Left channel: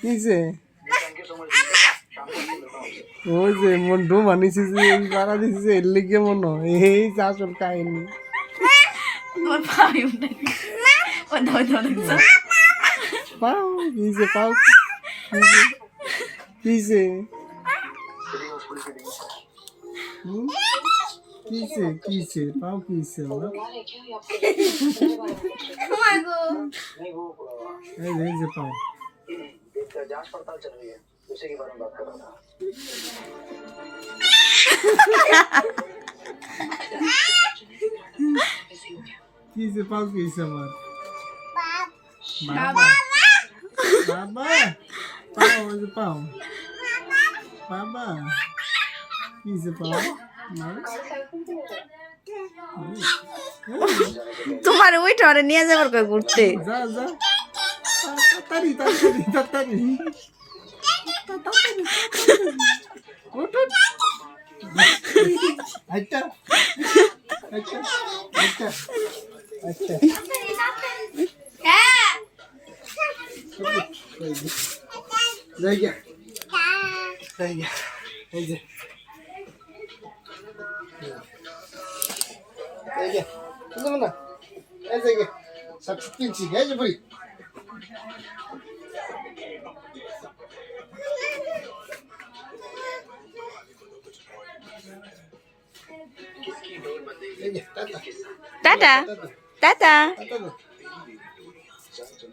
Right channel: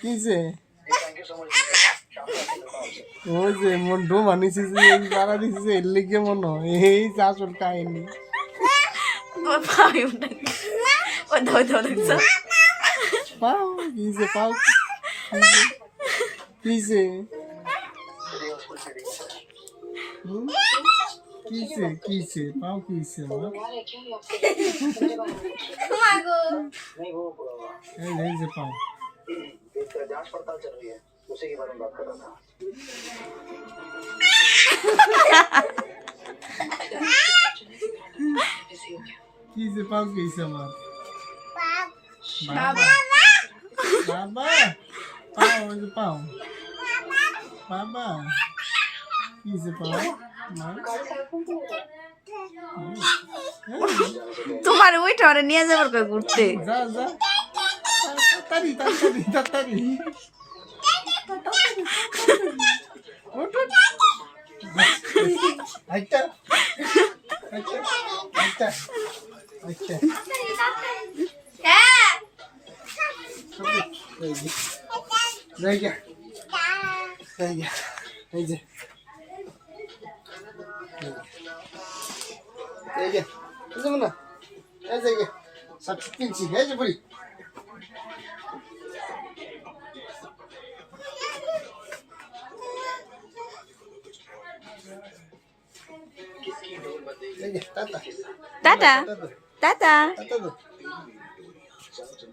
কিছে ওই যে মন ডো মানিছে যে এই বাড়া দিছে এর লিগে মন এই আসল কাহিনী পাও কিছে পাও কিছে কিছে কিছে পাও কিছে আমার এই যে पाओ जांच पड़ताल चल रही है उसी के बारे में बात कर रहा था किसे पाओ किसे मार बाबा बाबा पाओ जे पाओ बाबा किसे पाओ मार তোমার ওইটা ওরে নিয়ে যাবার কই ঘুরতে जा जा तारी तारी तारी उठ उठ अच्छा अच्छा अच्छा अच्छा रह गया रह गया रह गया रह गया ऐसे गया सब किंची है जो भाई টাটা টাটা टाटा